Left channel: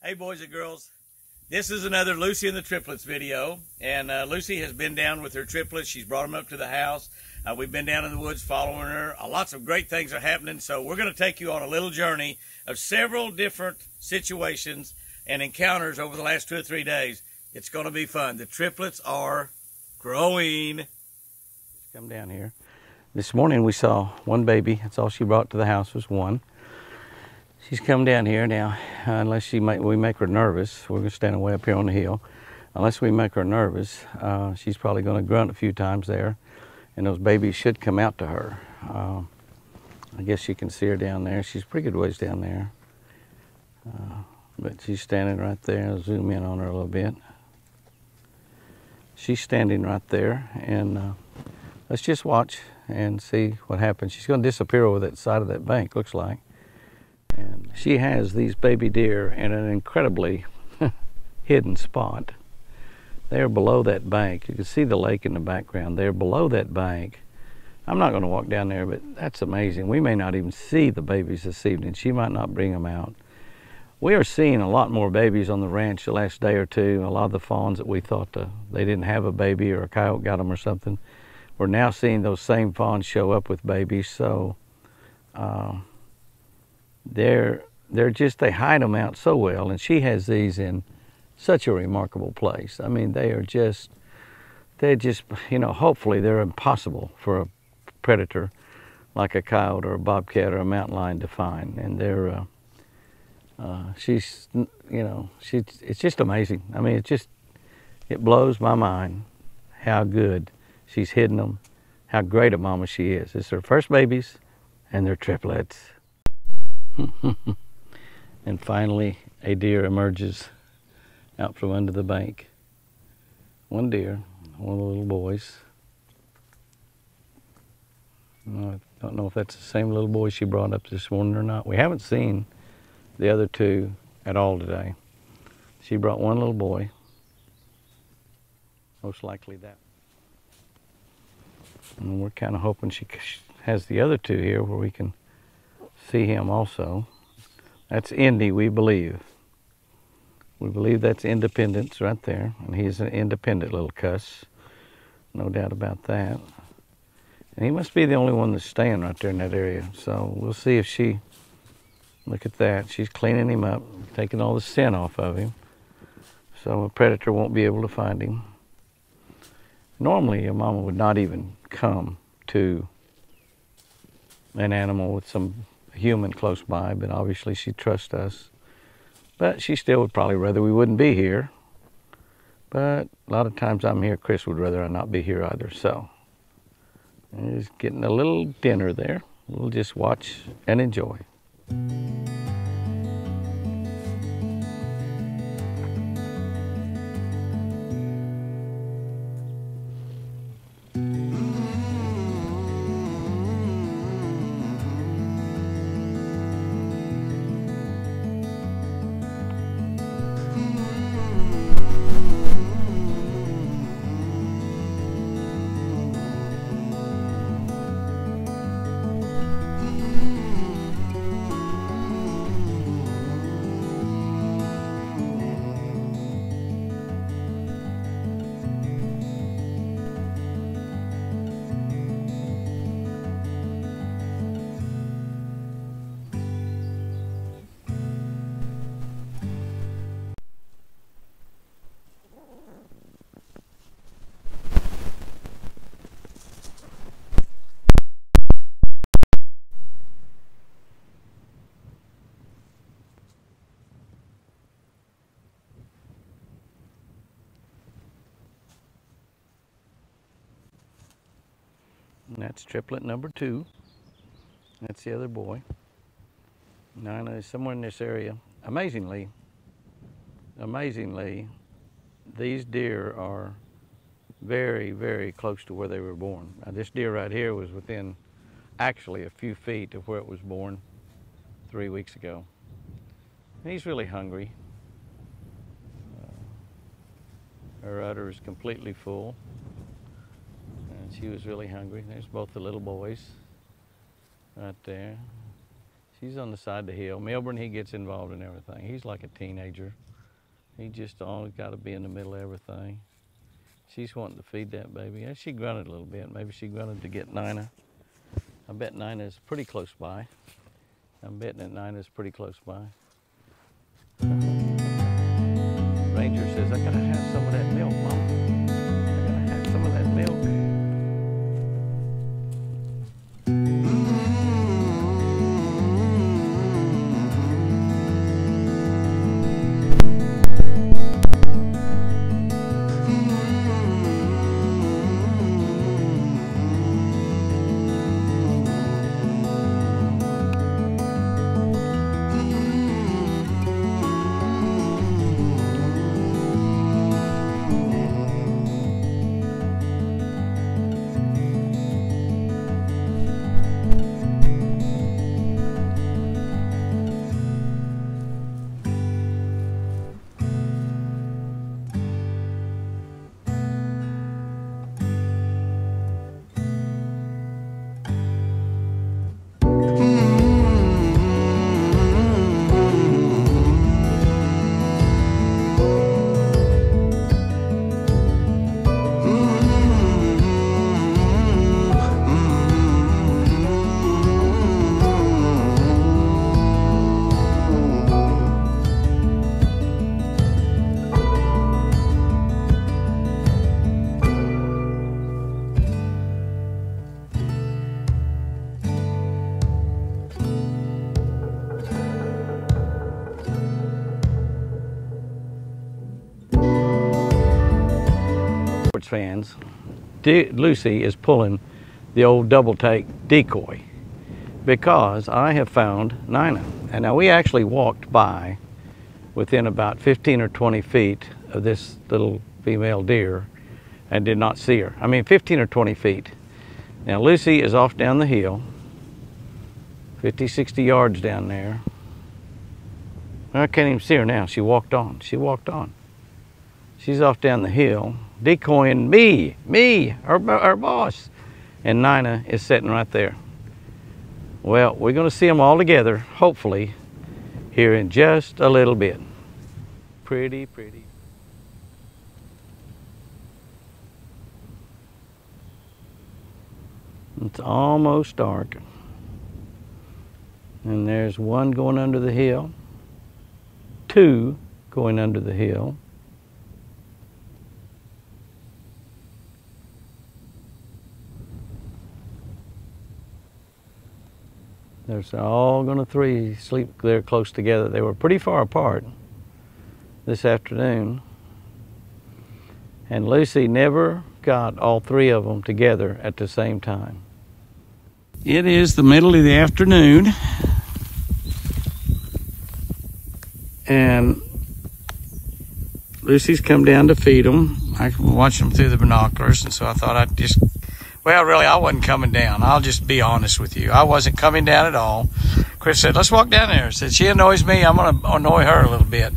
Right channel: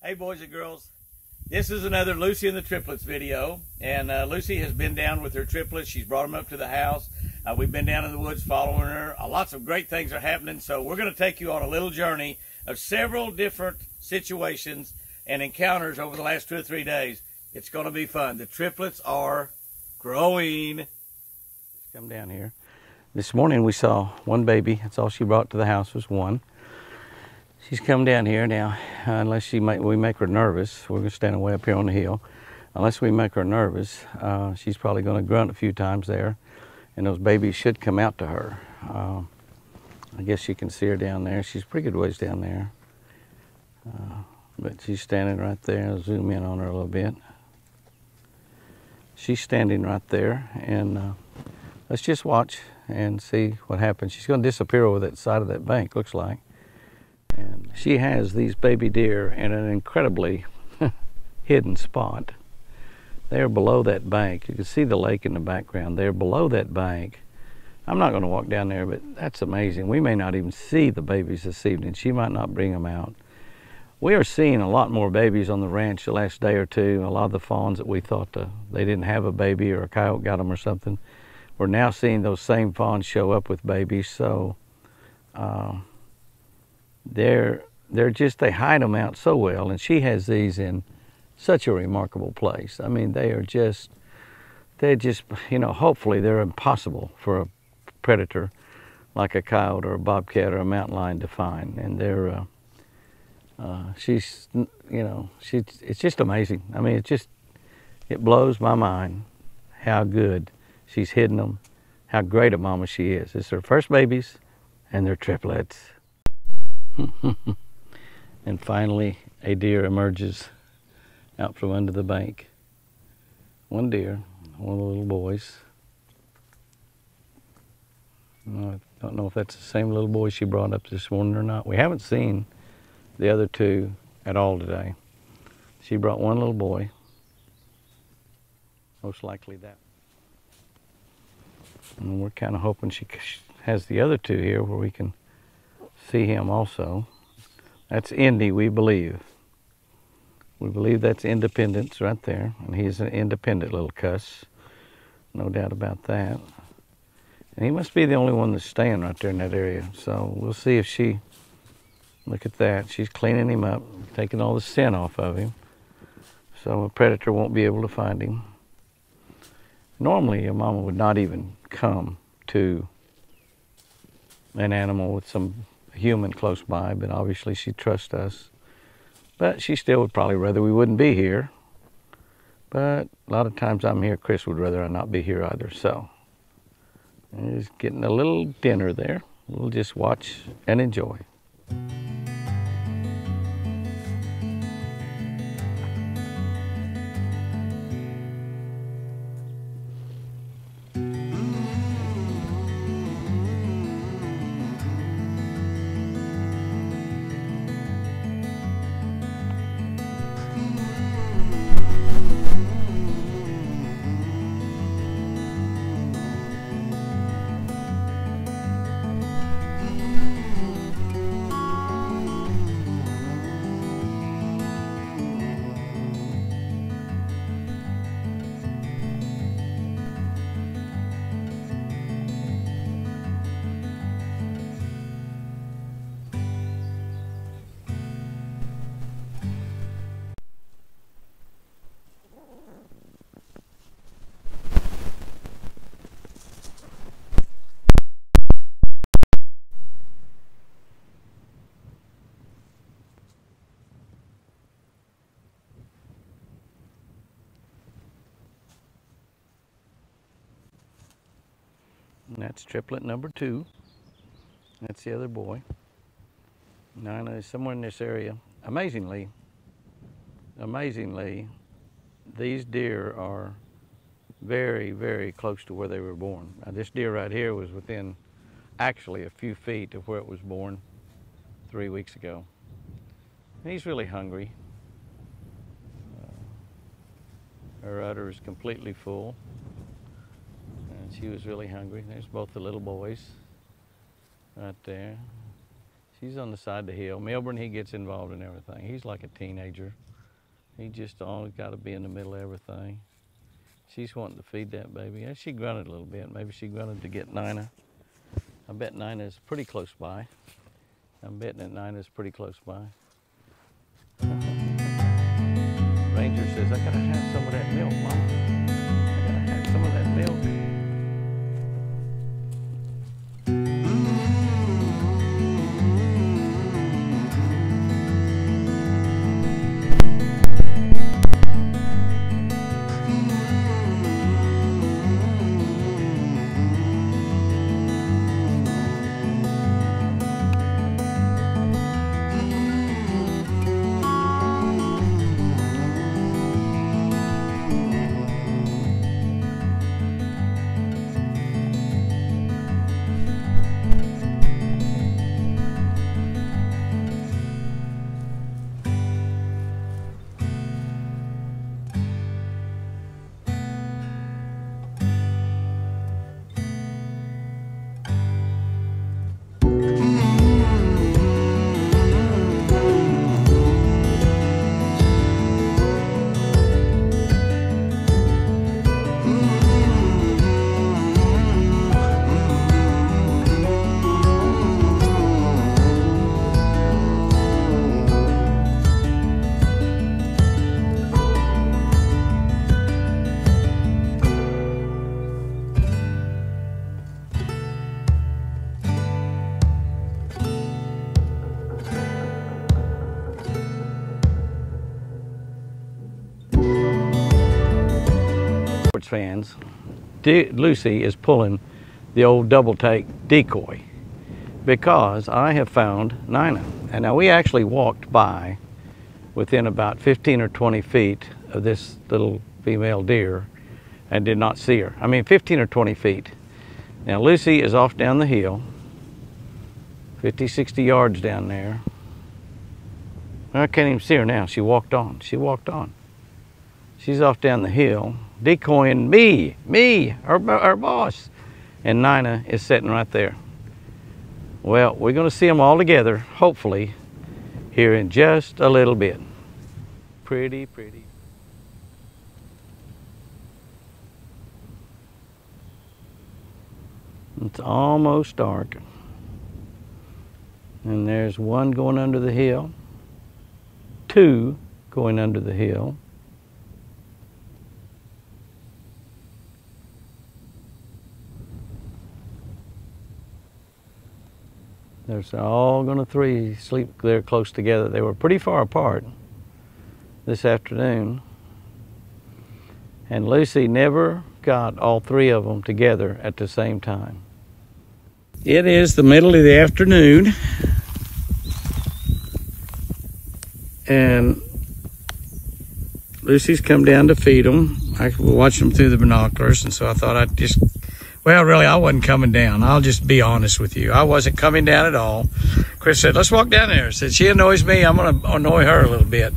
Hey boys and girls, this is another Lucy and the Triplets video, and Lucy has been down with her triplets. She's brought them up to the house. We've been down in the woods following her. Lots of great things are happening, so we're going to take you on a little journey of several different situations and encounters over the last 2 or 3 days. It's going to be fun. The triplets are growing. Let's come down here. This morning we saw one baby. That's all she brought to the house was one. She's come down here now, unless we make her nervous. We're going to stand way up here on the hill. Unless we make her nervous, she's probably going to grunt a few times there, and those babies should come out to her. I guess you can see her down there. She's a pretty good ways down there. But she's standing right there. I'll zoom in on her a little bit. She's standing right there, and let's just watch and see what happens. She's going to disappear over that side of that bank, looks like. And she has these baby deer in an incredibly hidden spot. They're below that bank. You can see the lake in the background. They're below that bank. I'm not going to walk down there, but that's amazing. We may not even see the babies this evening. She might not bring them out. We are seeing a lot more babies on the ranch the last day or two. A lot of the fawns that we thought they didn't have a baby or a coyote got them or something, we're now seeing those same fawns show up with babies. So they hide them out so well, and she has these in such a remarkable place. I mean, they're just, you know, hopefully they're impossible for a predator like a coyote or a bobcat or a mountain lion to find. And they're, she's, you know, it's just amazing. I mean, it blows my mind how good she's hidden them, how great a mama she is. It's her first babies, and they're triplets. And finally, a deer emerges out from under the bank. One deer, one of the little boys. I don't know if that's the same little boy she brought up this morning or not. We haven't seen the other two at all today. She brought one little boy. Most likely that. And we're kind of hoping she has the other two here where we can see him also. That's Indy, we believe. We believe that's Independence right there, and he's an independent little cuss, no doubt about that. And he must be the only one that's staying right there in that area. So we'll see if she, look at that, she's cleaning him up, taking all the scent off of him, so a predator won't be able to find him. Normally, a mama would not even come to an animal with some human close by, but obviously she trusts us. But she still would probably rather we wouldn't be here. But a lot of times I'm here, Chris would rather I not be here either. So he's getting a little dinner there. We'll just watch and enjoy. And that's triplet number 2. That's the other boy. Nina is somewhere in this area. Amazingly, these deer are very, very close to where they were born. Now, this deer right here was within actually a few feet of where it was born 3 weeks ago. And he's really hungry. Her udder is completely full. And she was really hungry. There's both the little boys right there. She's on the side of the hill. Milburn, he gets involved in everything. He's like a teenager. He just always got to be in the middle of everything. She's wanting to feed that baby. Yeah, she grunted a little bit. Maybe she grunted to get Nina. I bet Nina's pretty close by. I'm betting that Nina's pretty close by. Ranger says, I gotta have some of that milk, Mama. I gotta have some of that milk. Fans, Lucy is pulling the old double take decoy because I have found Nina. And now we actually walked by within about 15 or 20 feet of this little female deer and did not see her. I mean 15 or 20 feet. Now Lucy is off down the hill, 50, 60 yards down there. I can't even see her now. She walked on. She walked on. She's off down the hill, decoying me, our boss. And Nina is sitting right there. Well, we're going to see them all together, hopefully, here in just a little bit. Pretty, pretty. It's almost dark. And there's one going under the hill, two going under the hill. They're all going to three sleep there close together. They were pretty far apart this afternoon. And Lucy never got all three of them together at the same time. It is the middle of the afternoon. And Lucy's come down to feed them. I watched them through the binoculars, and so I thought I'd just... Well, really, I wasn't coming down. I'll just be honest with you. I wasn't coming down at all. Chris said, let's walk down there. I said, she annoys me. I'm going to annoy her a little bit.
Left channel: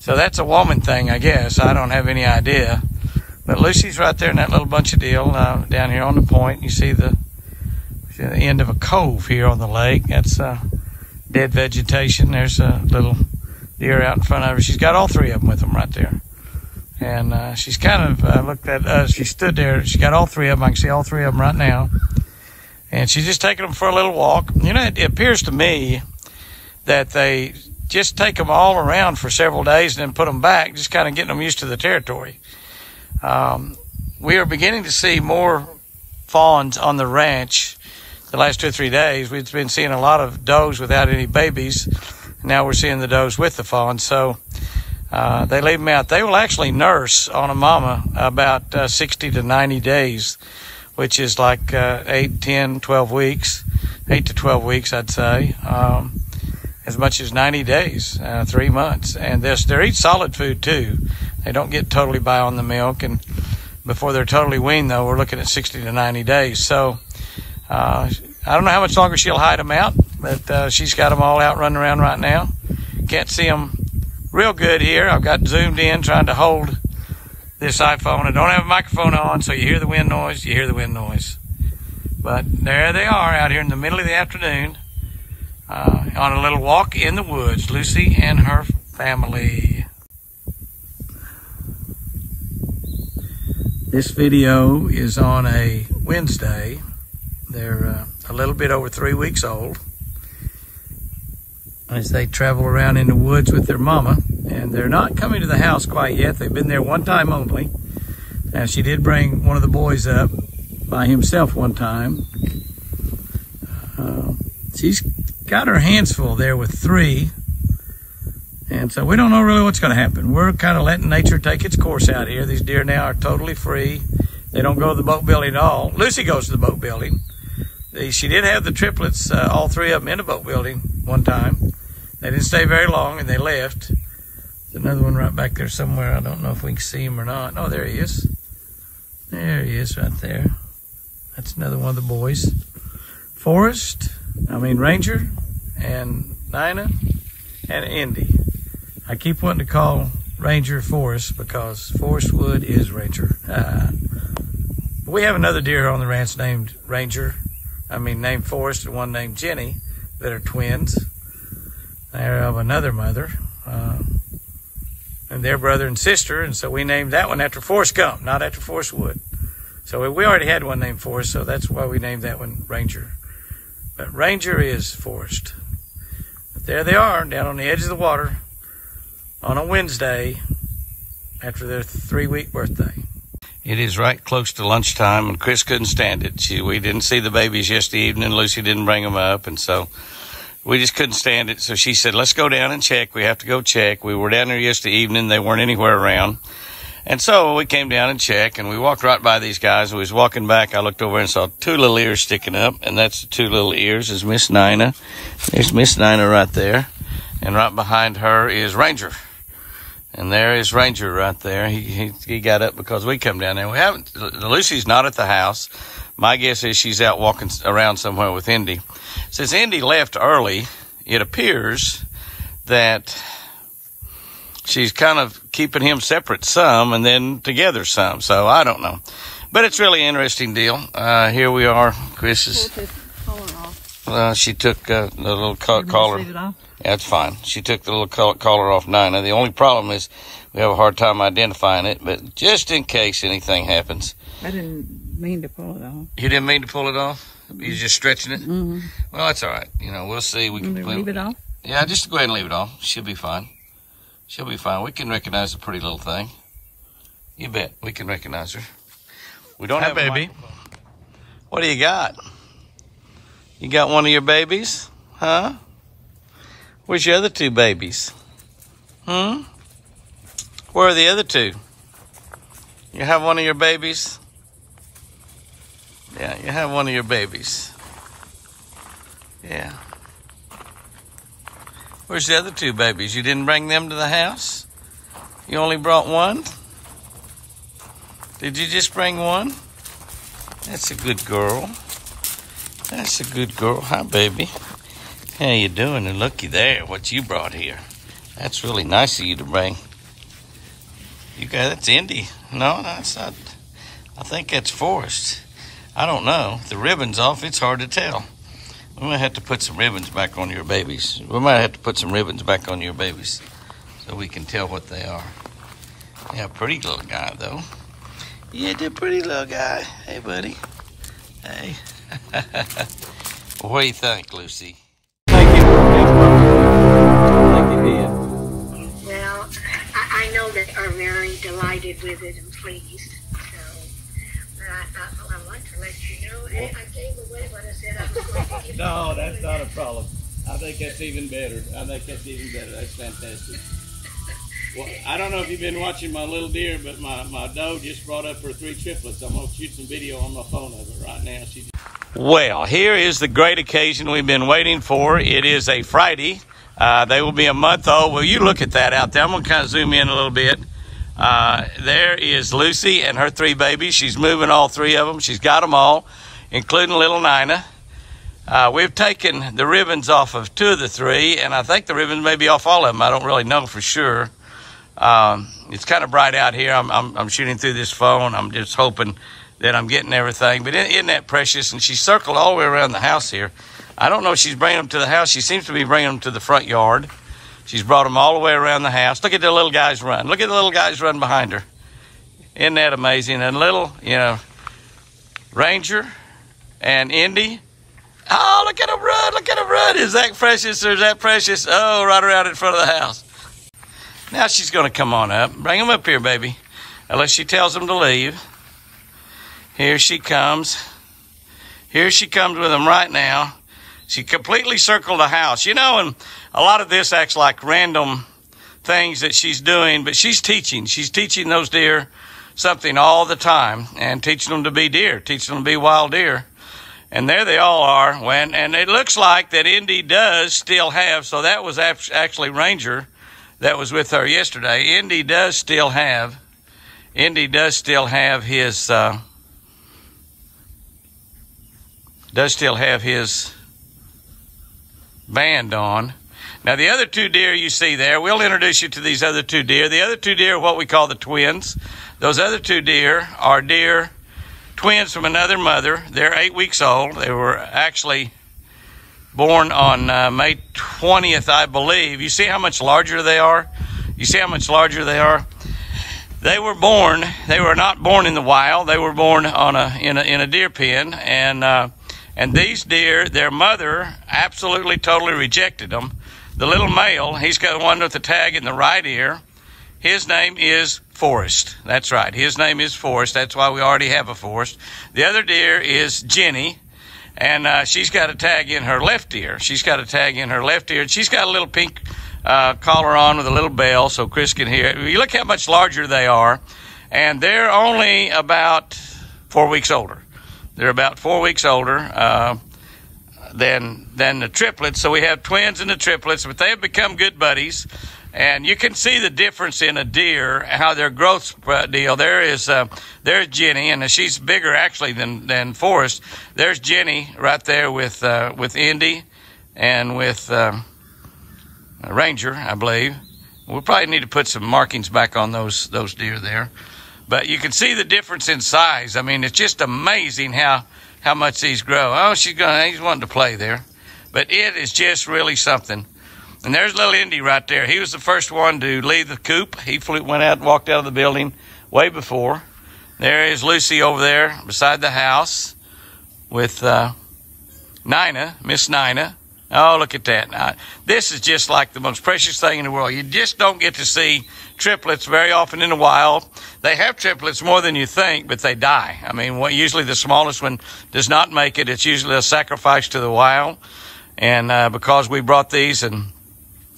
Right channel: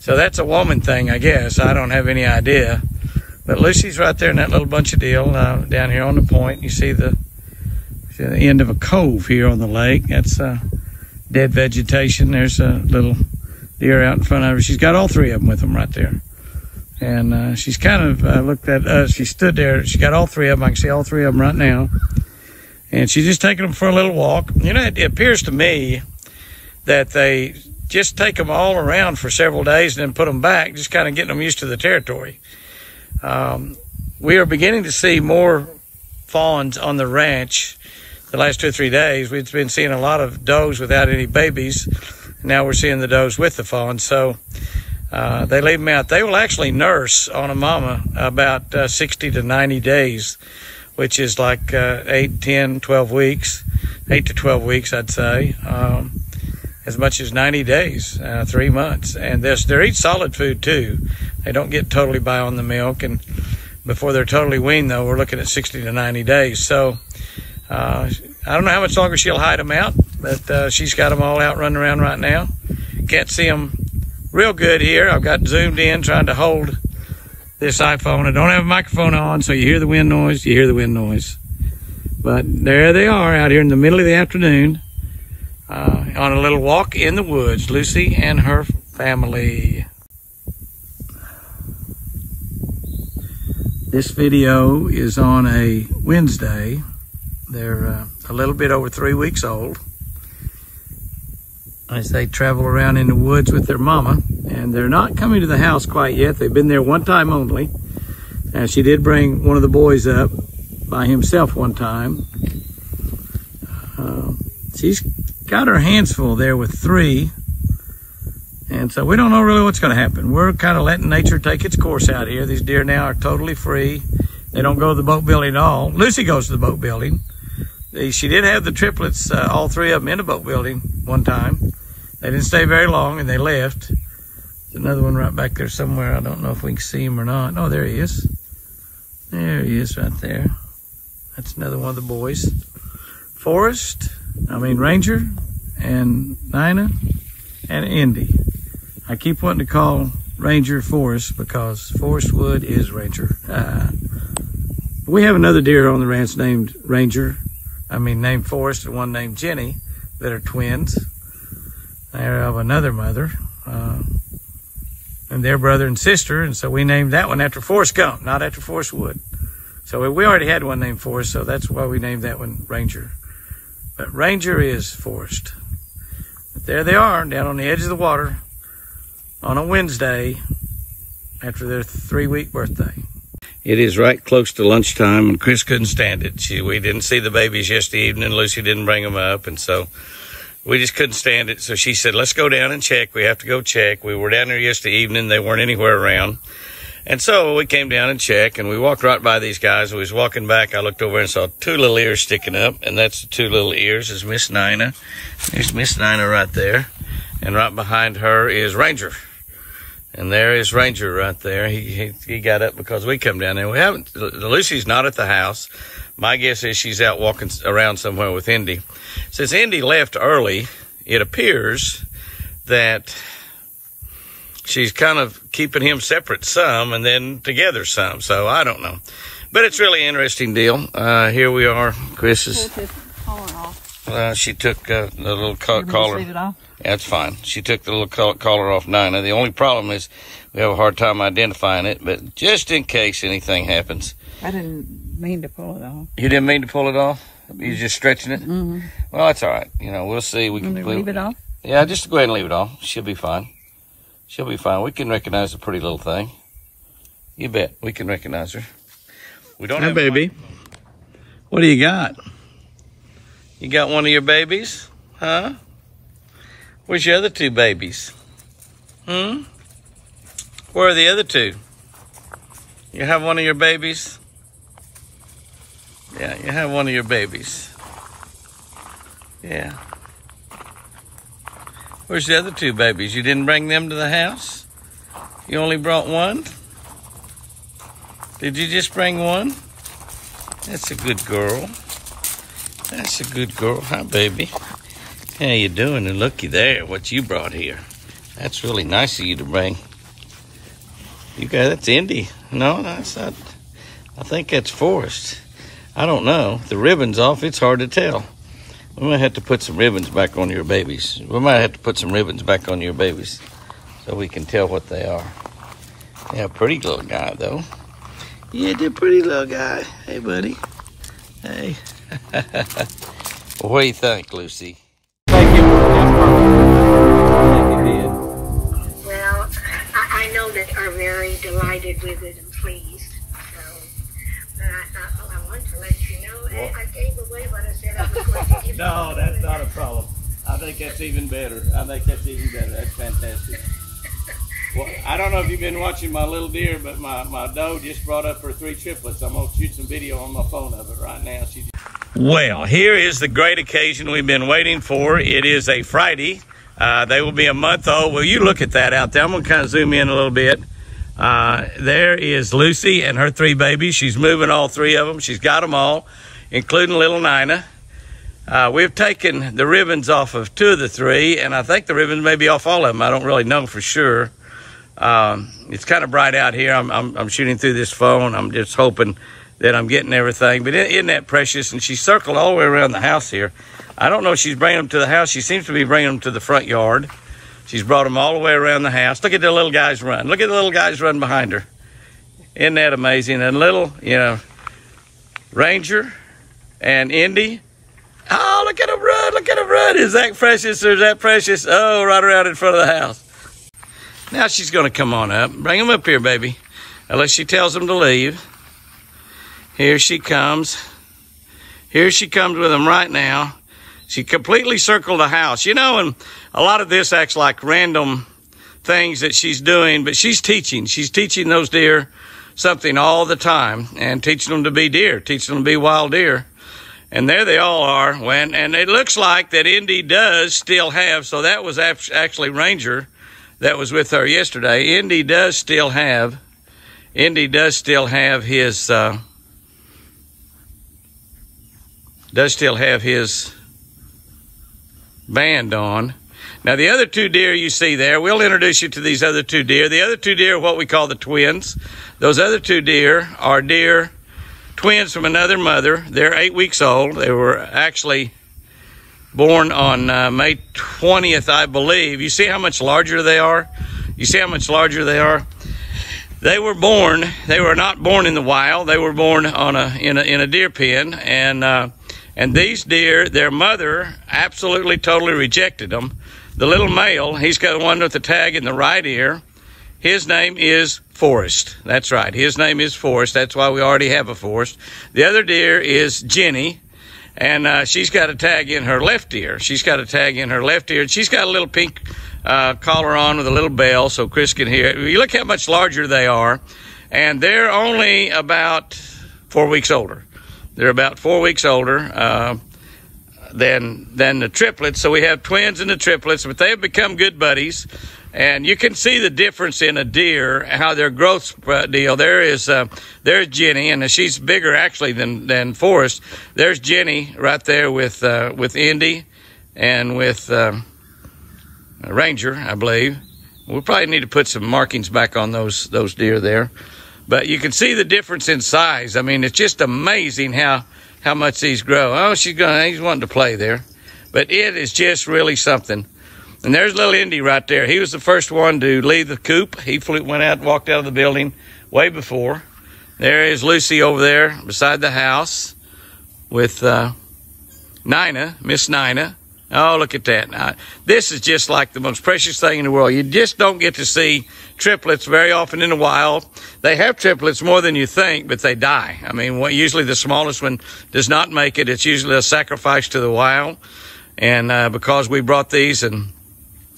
So that's a woman thing, I guess. I don't have any idea. But Lucy's right there in that little bunch of deal down here on the point. You see the end of a cove here on the lake. That's dead vegetation. There's a little deer out in front of her. She's got all three of them with them right there. And she's kind of looked at us. She stood there. She got all three of them. I can see all three of them right now. And she's just taking them for a little walk. You know, it appears to me that they just take them all around for several days and then put them back, just kind of getting them used to the territory. We are beginning to see more fawns on the ranch the last 2 or 3 days. We've been seeing a lot of does without any babies. Now we're seeing the does with the fawns. So they leave them out. They will actually nurse on a mama about 60 to 90 days, which is like 8, 10, 12 weeks, 8 to 12 weeks, I'd say, as much as 90 days, 3 months. And they eat solid food too. They don't get totally by on the milk. And before they're totally weaned, though, we're looking at 60 to 90 days. So I don't know how much longer she'll hide them out, but she's got them all out running around right now. Can't see them real good here. I've got zoomed in trying to hold this iPhone. I don't have a microphone on, so you hear the wind noise, you hear the wind noise. But there they are out here in the middle of the afternoon. on a little walk in the woods. Lucy and her family. This video is on a Wednesday. They're a little bit over 3 weeks old. As they travel around in the woods with their mama, and they're not coming to the house quite yet. They've been there one time only. And she did bring one of the boys up by himself one time. She's got her hands full there with 3. And so we don't know really what's going to happen. We're kind of letting nature take its course out here. These deer now are totally free. They don't go to the boat building at all. Lucy goes to the boat building. She did have the triplets, all 3 of them in the boat building one time. They didn't stay very long and they left. There's another one right back there somewhere. I don't know if we can see him or not. Oh, there he is. There he is right there. That's another one of the boys. Ranger and Nina and Indy. I keep wanting to call Ranger Forrest because Forrest Wood is Ranger. We have another deer on the ranch named named Forrest, and one named Jenny that are twins. They're of another mother. And they're brother and sister, and so we named that one after Forrest Gump, not after Forrest Wood. So we already had one named Forrest, so that's why we named that one Ranger. But Ranger is Forrest. But there they are, down on the edge of the water on a Wednesday after their 3-week birthday. It is right close to lunchtime, and Chris couldn't stand it. We didn't see the babies yesterday evening. Lucy didn't bring them up, and so we just couldn't stand it. So she said, let's go down and check. We have to go check. We were down there yesterday evening. They weren't anywhere around. And so we came down and checked, and we walked right by these guys. We was walking back. I looked over and saw 2 little ears sticking up, and that's the 2 little ears is Miss Nina. There's Miss Nina right there. And right behind her is Ranger. And there is Ranger right there. He got up because we come down there. Lucy's not at the house. My guess is she's out walking around somewhere with Indy. Since Indy left early, it appears that she's kind of keeping him separate some and then together some. So I don't know. But it's really an interesting deal. Here we are. Chris is... she took the little collar. Leave it off? That's fine. She took the little collar off Nina. The only problem is we have a hard time identifying it, but just in case anything happens. I didn't mean to pull it off. You didn't mean to pull it off? You're just stretching it? Mm-hmm. Well, that's all right. We'll see. We can leave it off? Yeah, just go ahead and leave it off. She'll be fine. She'll be fine. We can recognize the pretty little thing. You bet. We can recognize her. We don't have baby. What do you got? You got one of your babies? Huh? Where's your other 2 babies? Where are the other 2? You have one of your babies? Yeah, you have one of your babies. Yeah. Where's the other 2 babies? You didn't bring them to the house? You only brought one? Did you just bring one? That's a good girl. That's a good girl. Hi, baby. How you doing? And looky there, what you brought here. That's really nice of you to bring. That's Indy. No, that's not. I think that's Forrest. I don't know. The ribbon's off. It's hard to tell. We might have to put some ribbons back on your babies. We might have to put some ribbons back on your babies so we can tell what they are. Yeah, pretty little guy, though. Yeah, they're pretty little guy. Hey, buddy. Hey. What do you think, Lucy? Well, I know that are very delighted with it and pleased. So, but I thought, I want to let you know. Well, I gave away what I said I was going to give. No, that's not a problem. I think that's even better. That's fantastic. Well, I don't know if you've been watching my little deer, but my doe just brought up her 3 triplets. I'm going to shoot some video on my phone of it right now. Well, here is the great occasion we've been waiting for. It is a Friday. They will be a month old. Well, you look at that out there. I'm going to kind of zoom in a little bit. There is Lucy and her 3 babies. She's moving all 3 of them. She's got them all, including little Nina. We've taken the ribbons off of 2 of the 3, and I think the ribbons may be off all of them. I don't really know for sure. It's kind of bright out here. I'm shooting through this phone. I'm just hoping that I'm getting everything. But isn't that precious? And she circled all the way around the house here. I don't know if she's bringing them to the house. She seems to be bringing them to the front yard. She's brought them all the way around the house. Look at the little guys run. Look at the little guys run behind her. Isn't that amazing? And little, you know, Ranger and Indy. Oh, look at them run. Look at them run. Is that precious or is that precious? Oh, right around in front of the house. Now she's going to come on up. Bring them up here, baby. Unless she tells them to leave. Here she comes. Here she comes with them right now. She completely circled the house. You know, and a lot of this acts like random things that she's doing, but she's teaching. She's teaching those deer something all the time and teaching them to be deer, teaching them to be wild deer. And there they all are. And it looks like that Indy does still have, so that was actually Ranger that was with her yesterday. Indy does still have his band on. Now, the other two deer you see there, we'll introduce you to these other two deer. The other two deer are what we call the twins. Those other two deer are deer twins from another mother. They're 8 weeks old. They were actually born on May 20th, I believe. You see how much larger they are? You see how much larger they are? They were not born in the wild. They were born in a deer pen. And these deer, their mother absolutely totally rejected them. The little male, he's got one with the tag in the right ear. His name is Forrest. That's right. His name is Forrest. That's why we already have a Forrest. The other deer is Jenny. And she's got a tag in her left ear. She's got a tag in her left ear. And she's got a little pink collar on with a little bell so Chris can hear it. You look how much larger they are. And they're only about 4 weeks older. They're about 4 weeks older than the triplets. So we have twins and the triplets, but they have become good buddies. And you can see the difference in a deer, how their growth deal. There's Jenny, and she's bigger actually than Forrest. There's Jenny right there with Indy and with Ranger, I believe. We'll probably need to put some markings back on those deer there. But you can see the difference in size. I mean, it's just amazing how much these grow. Oh, he's wanting to play there. But it is just really something. And there's little Indy right there. He was the first one to leave the coop. He went out and walked out of the building way before. There is Lucy over there beside the house with Nina, Miss Nina. Oh, look at that. Now, this is just like the most precious thing in the world. You just don't get to see triplets very often in the wild. They have triplets more than you think, but they die. I mean, usually the smallest one does not make it. It's usually a sacrifice to the wild. And because we brought these and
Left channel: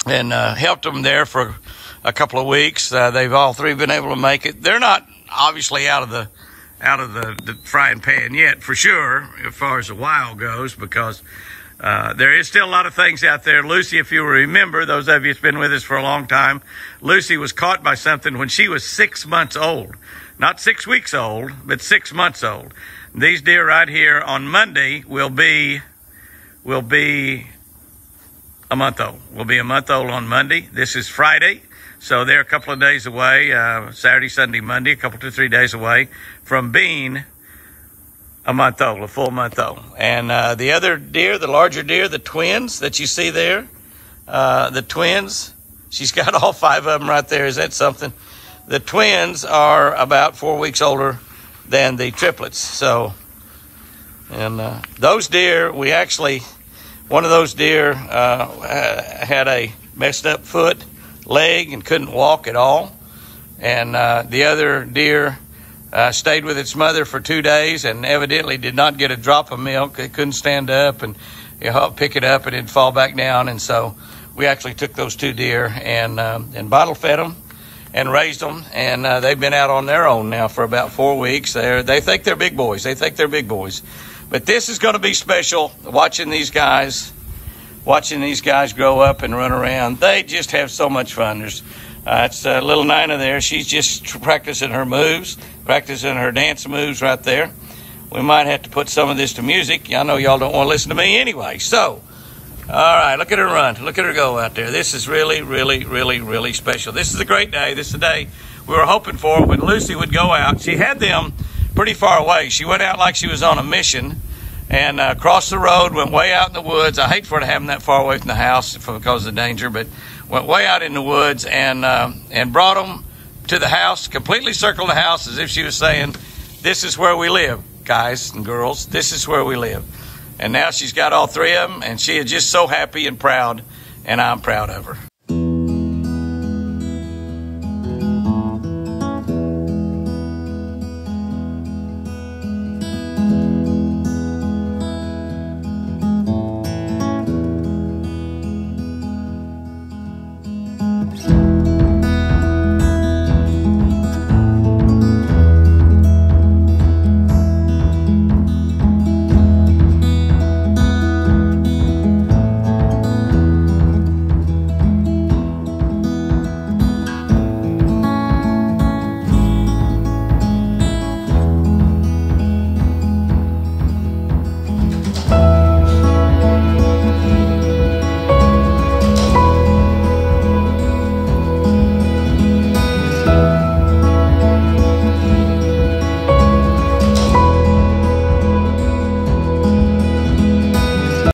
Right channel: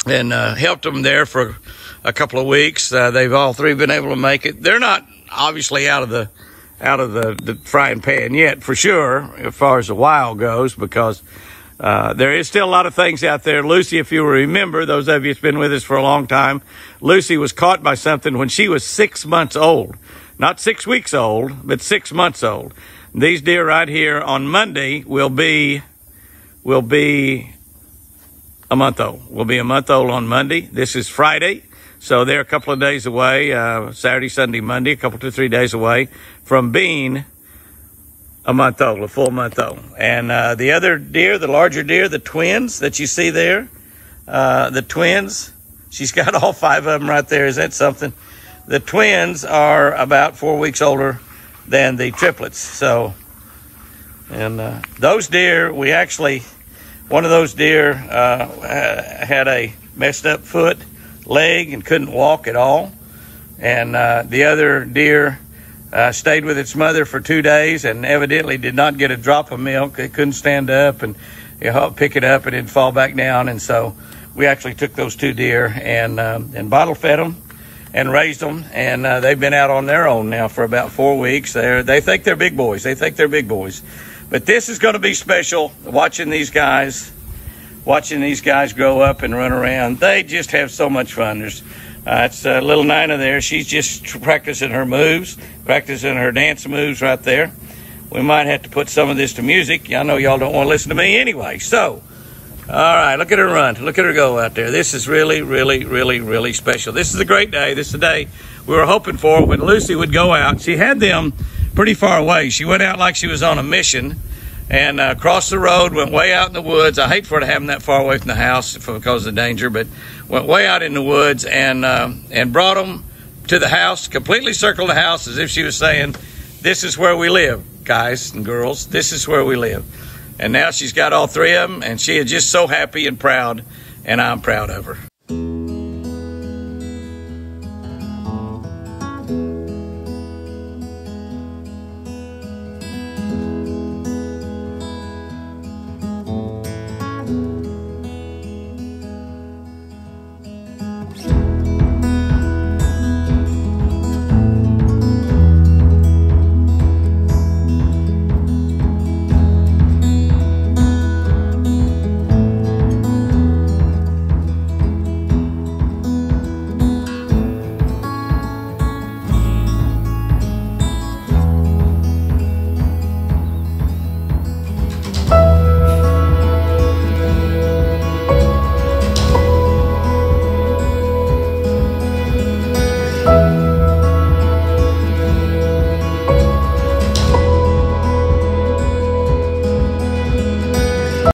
helped them there for a couple of weeks, they've all three been able to make it. They're not obviously out of the frying pan yet, for sure, as far as the wild goes, because there is still a lot of things out there. Lucy, if you remember, those of you that's been with us for a long time, Lucy was caught by something when she was 6 months old. Not 6 weeks old, but 6 months old. These deer right here on Monday will be a month old. Will be a month old on Monday. This is Friday, so they're a couple of days away, Saturday, Sunday, Monday, a couple to 3 days away from being a month old, a full month old. And the other deer, the larger deer, the twins that you see there, the twins, she's got all 5 of them right there. Is that something? The twins are about 4 weeks older than the triplets. So, and those deer, we actually, one of those deer had a messed up leg and couldn't walk at all. And the other deer stayed with its mother for 2 days and evidently did not get a drop of milk. It couldn't stand up and pick it up and it'd fall back down. And so we actually took those 2 deer and bottle fed them and raised them. And they've been out on their own now for about 4 weeks. They think they're big boys. They think they're big boys. But this is going to be special, watching these guys grow up and run around. They just have so much fun. It's little Nina there. She's just practicing her moves, practicing her dance moves right there. We might have to put some of this to music. I know y'all don't want to listen to me anyway. So, all right, look at her run. Look at her go out there. This is really, really, really, really special. This is a great day. This is the day we were hoping for when Lucy would go out. She had them pretty far away. She went out like she was on a mission. and crossed the road, went way out in the woods. I hate for her to have them that far away from the house because of the danger, but went way out in the woods and brought them to the house, completely circled the house as if she was saying, this is where we live, guys and girls. This is where we live. And now she's got all 3 of them, and she is just so happy and proud, and I'm proud of her.